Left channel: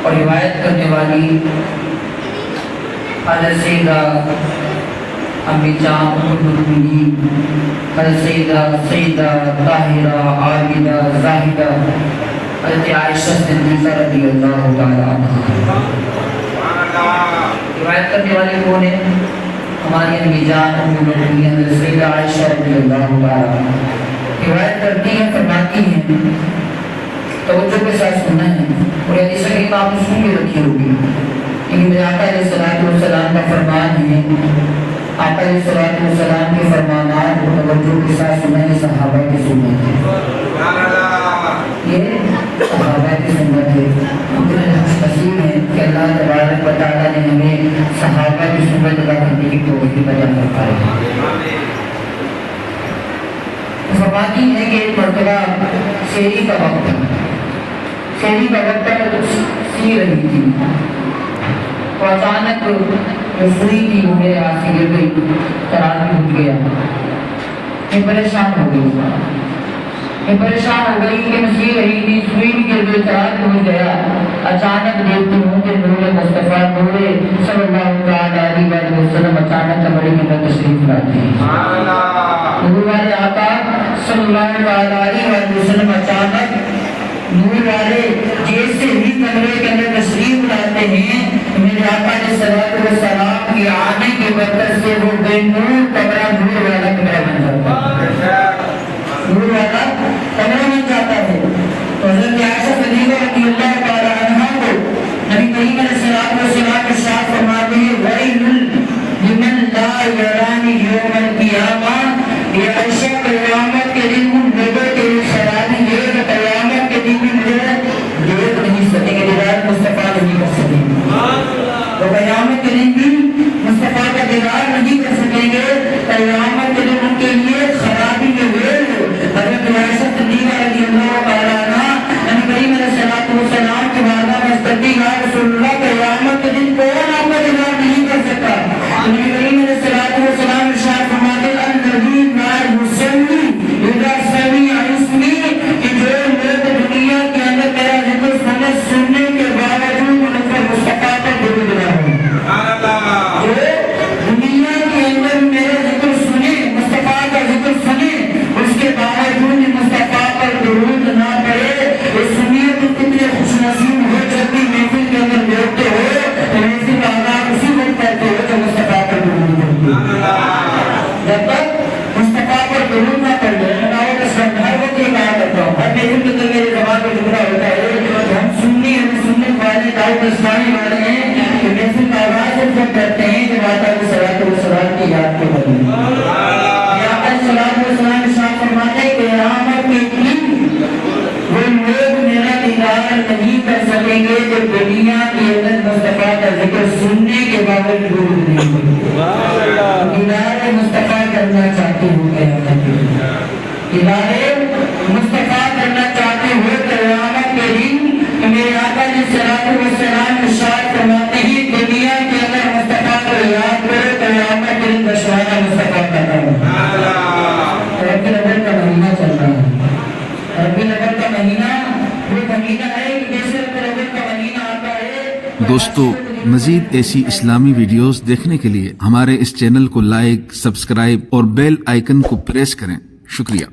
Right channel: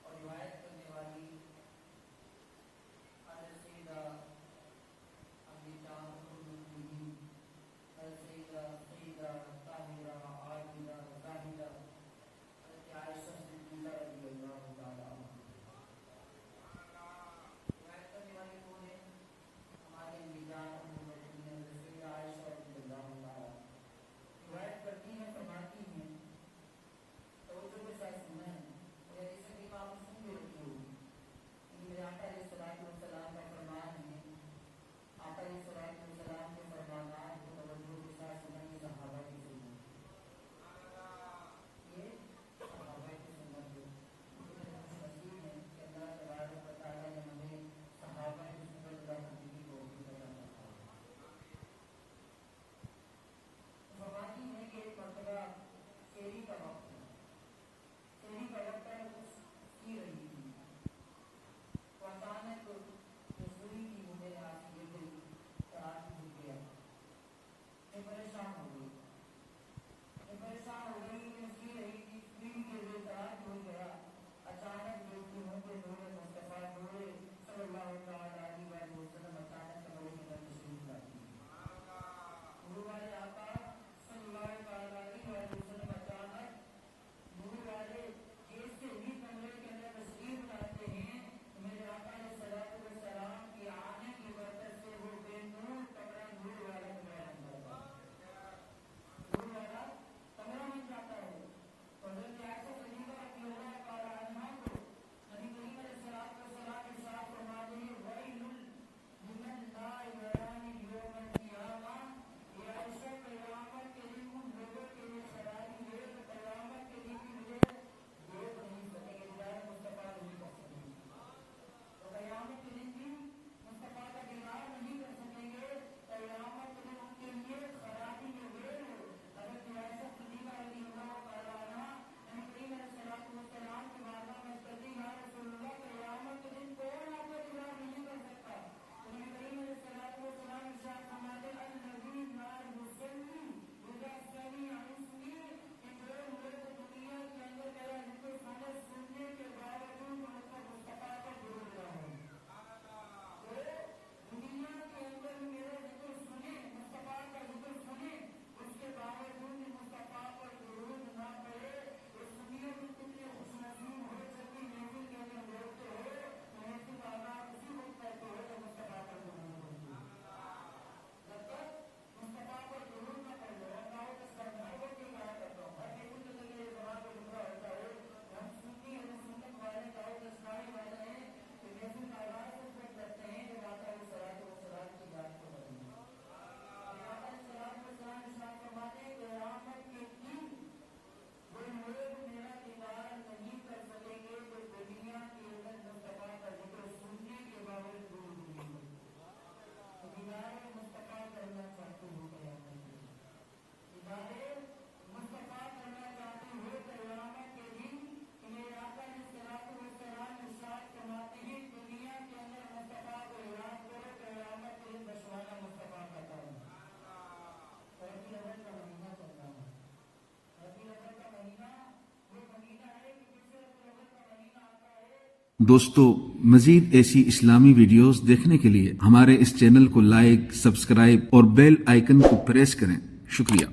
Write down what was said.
और रिवायत करने वाली हज़रत सैयदा अम्मी जान उम्मुल मोमिनीन हज़रत सैयदा ताहिरा आबिदा ज़ाहिदा हज़रत आयशा सिद्दीक़ा रज़ियल्लाहु ताला अन्हा। रिवायत करने वाले कौन है? हमारी अम्मी जान उम्मुल मोमिनीन हज़रत सैयदा आयशा रज़ियल्लाहु ताला अन्हा रिवायत करती हैं, फरमाती हैं, तवज्जो के साथ सुनना है और हदीस शरीफ आपने सुन के रखी होगी। लेकिन आका अलैहिस्सलाम का फरमान है, आका अलैहिस्सलाम के फरमानात को तवज्जो के साथ सुनना है, सहाबा की सुन्नत है। ये सहाबा की सुन्नत है। नसीब है कि अल्लाह तबारक व तआला ने हमें सहाबा की सुन्नत अदा करने की तौफीक अता फरमाई। फरमाती है कि एक मर्तबा शेरी का वक्त सी रही थी तो अचानक जो सुई थी वो मेरे हाथ से गिर गई, चराग भी उठ गया। मैं परेशान हो गई कि मैं सी रही थी, सुई भी गिर गई, चराग भी उठ गया। अचानक देखती हूँ कि नूरे मुस्तफा नूरे सल्लल्लाहु अलैहि वसल्लम अचानक कमरे में तशरीफ लाते हैं। सल्लल्लाहु अलैहि वसल्लम अचानक नूर वाले जैसे ही कमरे के अंदर तशरीफ लाते हैं, मेरे आका ने सलात व सलाम के आने की बरकत से वो बेनूर कमरा नूर वाला कमरा बन जाता है, नूर वाला कमरा बन जाता है। तो हज़रत आयशा सिद्दीक़ा रज़ियल्लाहु तआला अन्हा को नबी करीम अलैहिस्सलातु वस्सलाम इरशाद फरमाते हैं, वैलुल लिमन ला यरानी यौमल क़ियामा, ये आयशा क़यामत के दिन उन लोगों के लिए शराबी ये क़यामत के दिन भी मुझे देख नहीं सकेंगे, दीदार मुस्तफ़ा नहीं कर सकेंगे। तो क़यामत के दिन भी मुस्तफ़ा का दीदार नहीं कर सकेंगे, क़यामत के दिन उनके लिए खराबी में वेल हो। हज़रत आयशा सिद्दीक़ा रज़ियल्लाहु तआला अन्हा नबी करीम अलैहिस्सलातु वस्सलाम के बारगाह में कहती हैं, या रसूलल्लाह क़यामत के दिन कौन आपका दीदार नहीं कर सकता? नबी करीम अलैहिस्सलातु वस्सलाम इरशाद फरमाते हैं, अन्नबी मा युसल्ली इज़ा समिअ इसमी, कि जो लोग दुनिया के अंदर मेरा जिक्र सुनने के बावजूद उन पर मुस्तफ़ा का दुरूद ना हो, जो दुनिया के अंदर मेरा जिक्र सुने, मुस्तफ़ा का जिक्र सुने, उसके बावजूद मुस्तफ़ा पर दुरूद ना पड़े, ये सुनिए तो कितने खुशनसीब हो। जब भी महफिल के अंदर बैठते हो तो महफिल का आगाज़ उसी वक्त करते हो जब मुस्तफ़ा पर दुरूद पढ़ते हो। जब तक मुस्तफ़ा पर दुरूद ना पढ़ ले, मैं आपको हर वक्त ये कहा करता हूँ, हर महफिल के अंदर मेरे ज़बान पे टुकड़ा होता है, तो हम सुनने वाले दाऊद इस्लामी वाले हैं कि महफिल का आगाज़ जब करते हैं जब आता है सलात व सलाम की याद के बदले वो लोग मेरा दीदार नहीं कर सकेंगे जो दुनिया के अंदर मुस्तफ़ा का जिक्र सुनने के बावजूद नहीं दीदार मुस्तफ़ा करना चाहते हो क़यामत के दिन, दीदार मुस्तफ़ा करना चाहते हो क़यामत के दिन। तो मेरे आका ने सलातो व सलाम इरशाद फरमाते हैं, दुनिया के अंदर मुस्तफ़ा को याद करो, क़यामत के दिन बशवाना मुस्तफ़ा का नाम। रबीउल अव्वल का महीना चल रहा है, रबीउल अव्वल का महीना वो महीना है कि जैसे रबीउल अव्वल का महीना आता है। दोस्तों, मजीद ऐसी इस्लामी वीडियोस देखने के लिए हमारे इस चैनल को लाइक, सब्सक्राइब और बेल आइकन को प्रेस करें। शुक्रिया।